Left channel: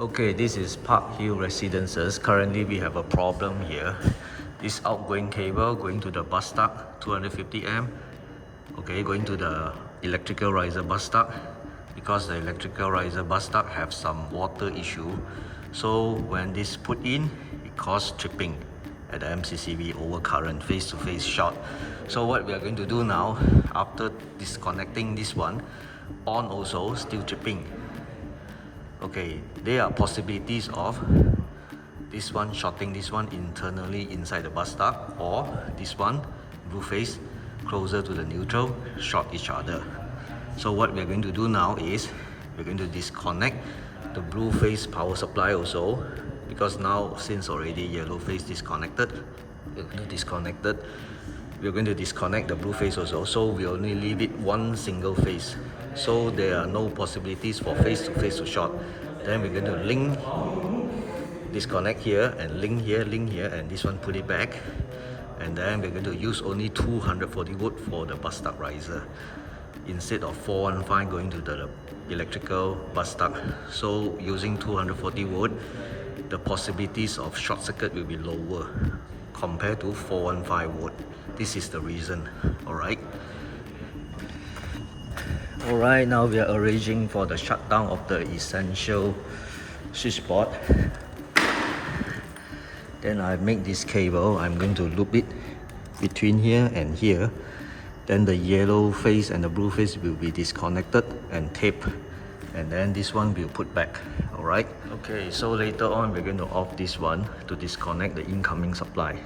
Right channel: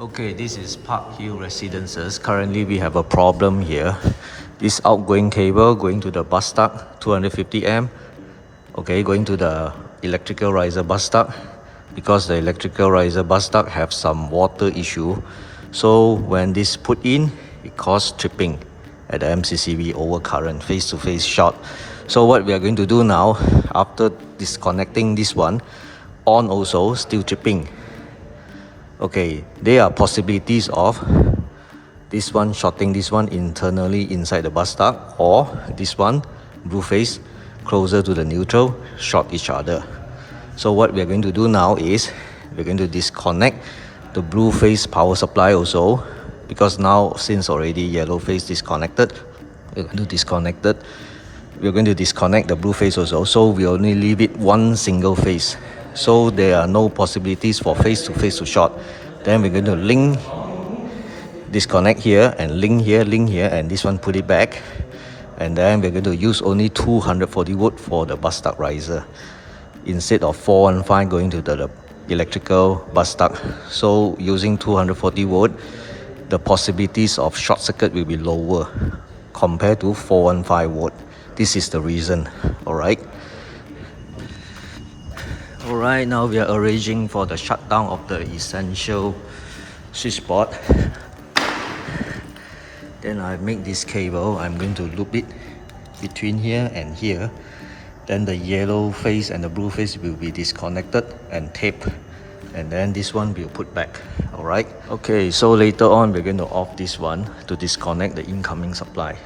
Okay, this is Parkhill Residences. Currently we have a problem here. This outgoing cable going to the bus duct, 250 amp. Okay, going to the electrical riser bus duct. Because the electrical riser bus duct have some water issue, so when this put in, it causes tripping at the MCCB over current, face-to-face short. So what we are going to do now, after disconnecting this one, on also still tripping. Okay, there are possibilities of this one shorting this one internally inside the bus duct, or this one blue phase closer to the neutral short each other. So what we are going to do now is we're going to disconnect the blue phase power supply also, because now since already yellow phase disconnected, we're going to disconnect it. We're going to disconnect the blue phase also, so we only leave it one single phase, so there are no possibilities for phase to short. Then we're going to link, disconnect here and link here, and this one put it back, and then we're going to use only 240 volt for the bus duct riser instead of 415 going to the electrical bus duct. So using 240 volt, the possibilities of short circuit will be lower compared to 415 volt. This is the reason. Alright, now we are arranging for the shutdown of the essential switchboard. Then I make this cable, I'm going to loop it between here and here. Then the yellow phase and the blue phase will be disconnected and taped, and then this one will put back. Alright, okay, so later on we're going to off this one to disconnect the incoming supply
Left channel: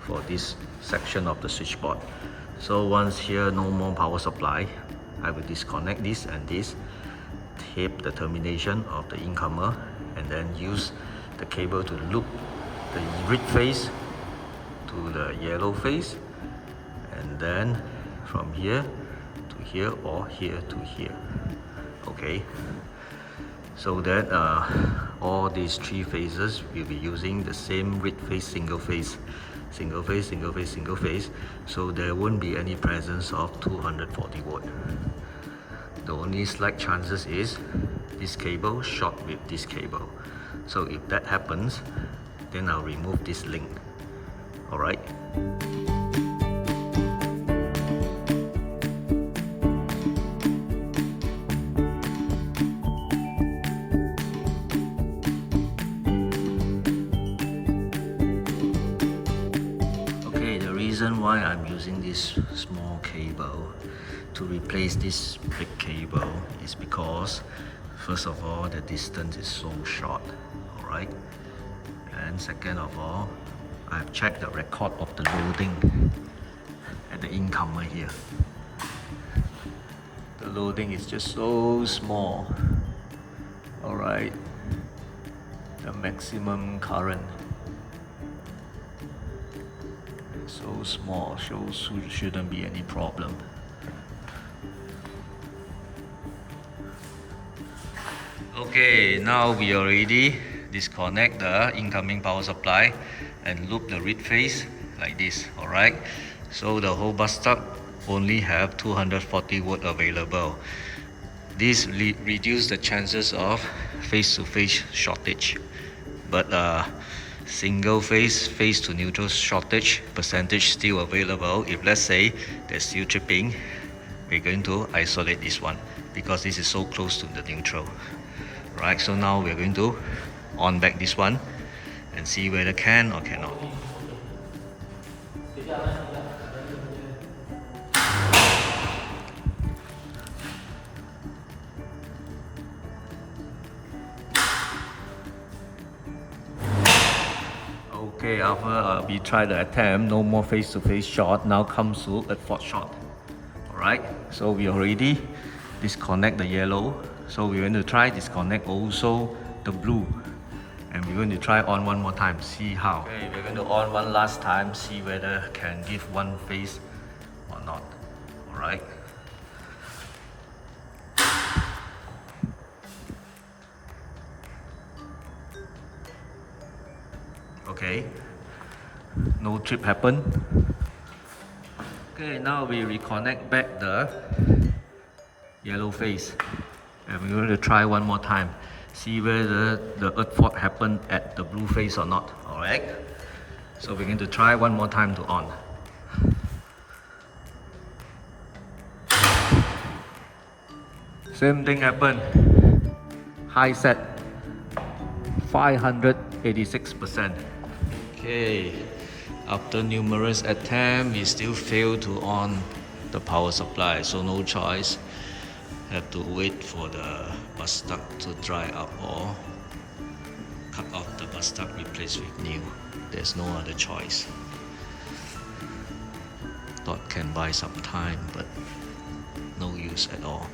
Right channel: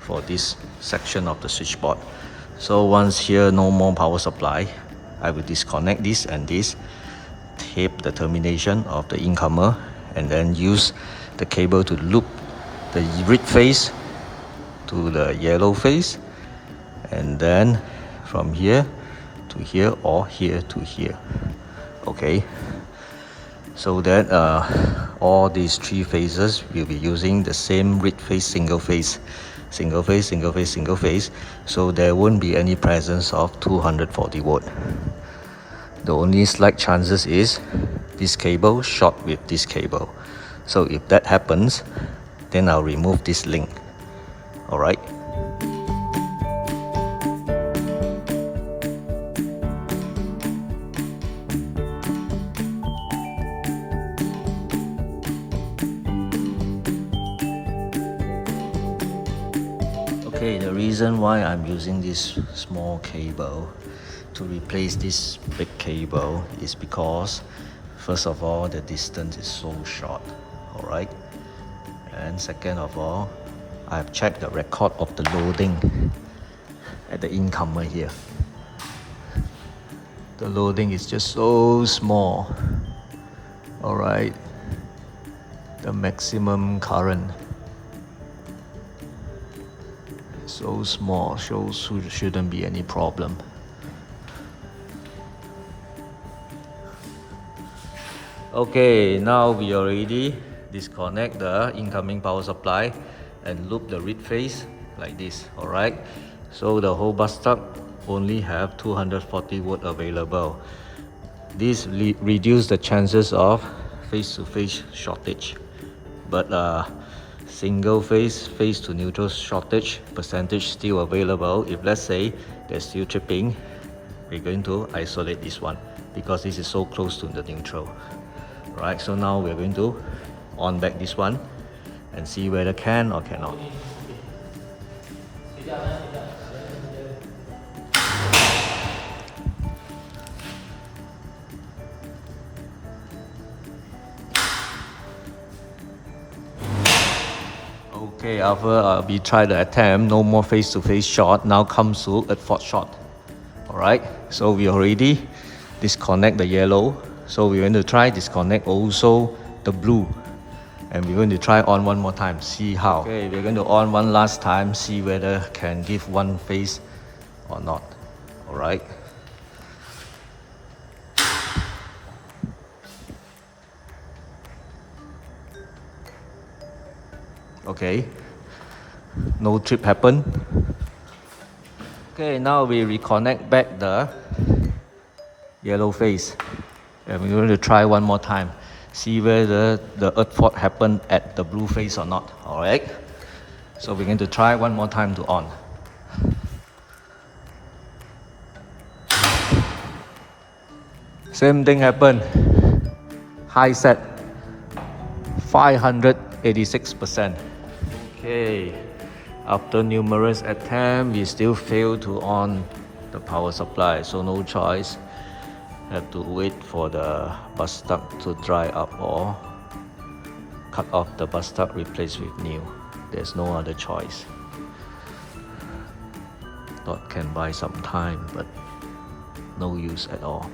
for this section of the switchboard. So once here no more power supply, I will disconnect this and this, tape the termination of the incomer, and then use the cable to loop the red phase to the yellow phase, and then from here to here or here to here. Okay, so that all these three phases will be using the same red phase, single phase, so there won't be any presence of 240 volt. The only slight chances is this cable short with this cable. So if that happens, then I'll remove this link. Alright. Okay, the reason why I'm using this small cable to replace this big cable is because, first of all, the distance is so short. Alright, and second of all, I've checked the record of the loading at the incomer here. The loading is just so small. Alright, the maximum current so small, so shouldn't be any problem. Okay, now we already disconnect the incoming power supply and loop the red phase like this. Alright, so the whole bus duct only have 240 volt available. This reduce the chances of face-to-face shortage, but single phase to neutral shortage percentage still available. If let's say there's still tripping, we're going to isolate this one because this is so close to the neutral. Right, so now we're going to on back this one and see whether can or cannot. Okay, after we try the attempt, no more face-to-face short, now comes to a fault short. Alright, so we already disconnect the yellow, so we're going to try disconnect also the blue, and we're going to try on one more time, see how. Okay, we're going to on one last time, see whether can give one phase or not. Alright. Okay, no trip happen. Okay, now we reconnect back the yellow phase, and we're going to try one more time. see whether the earth fault happened at the blue phase or not. Alright, so we're going to try one more time to on. Same thing happened. High set 586%. Okay, after numerous attempts, we still failed to on the power supply, so no choice. Have to wait for the bus duct to dry up or cut off the bus duct, replace with new. There's no other choice. Thought can buy some time, but no use at all.